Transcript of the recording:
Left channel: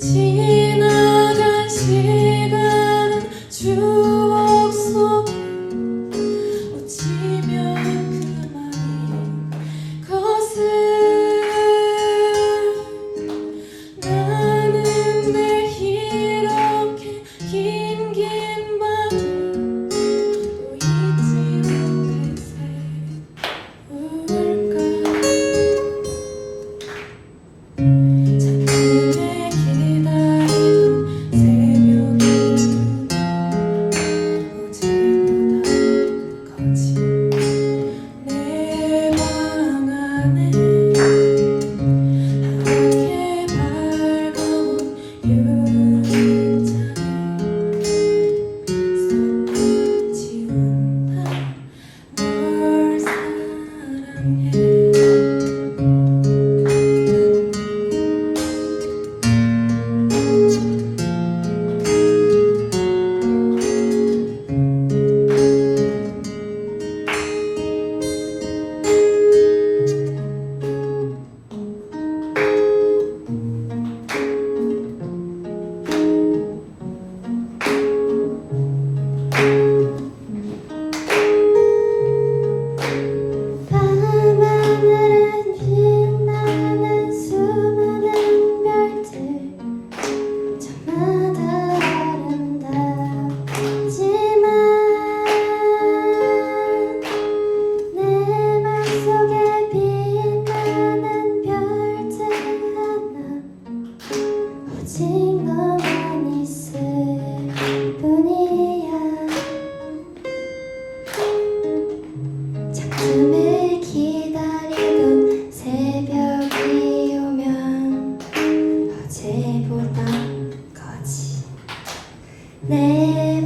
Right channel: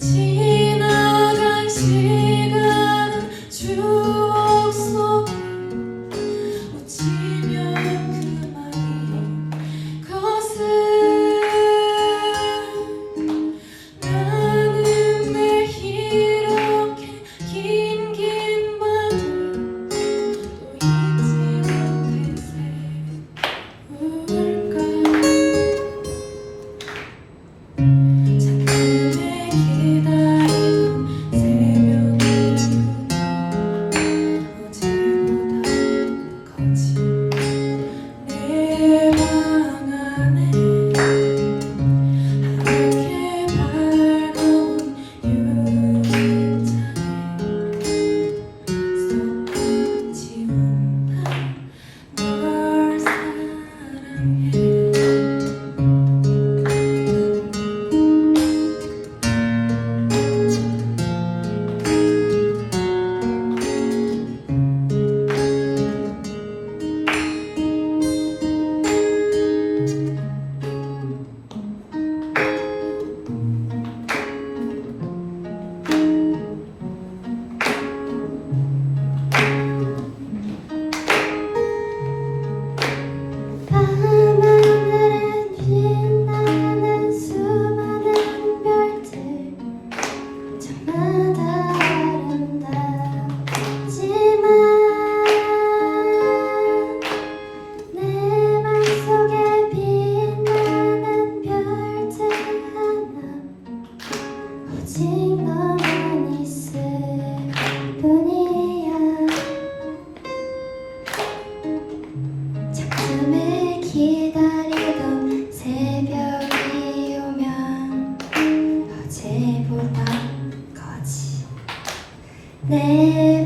记忆 지나만 있을 뿐이야. 작품에 기다리던 새벽이 오면 어제보다 거지. 내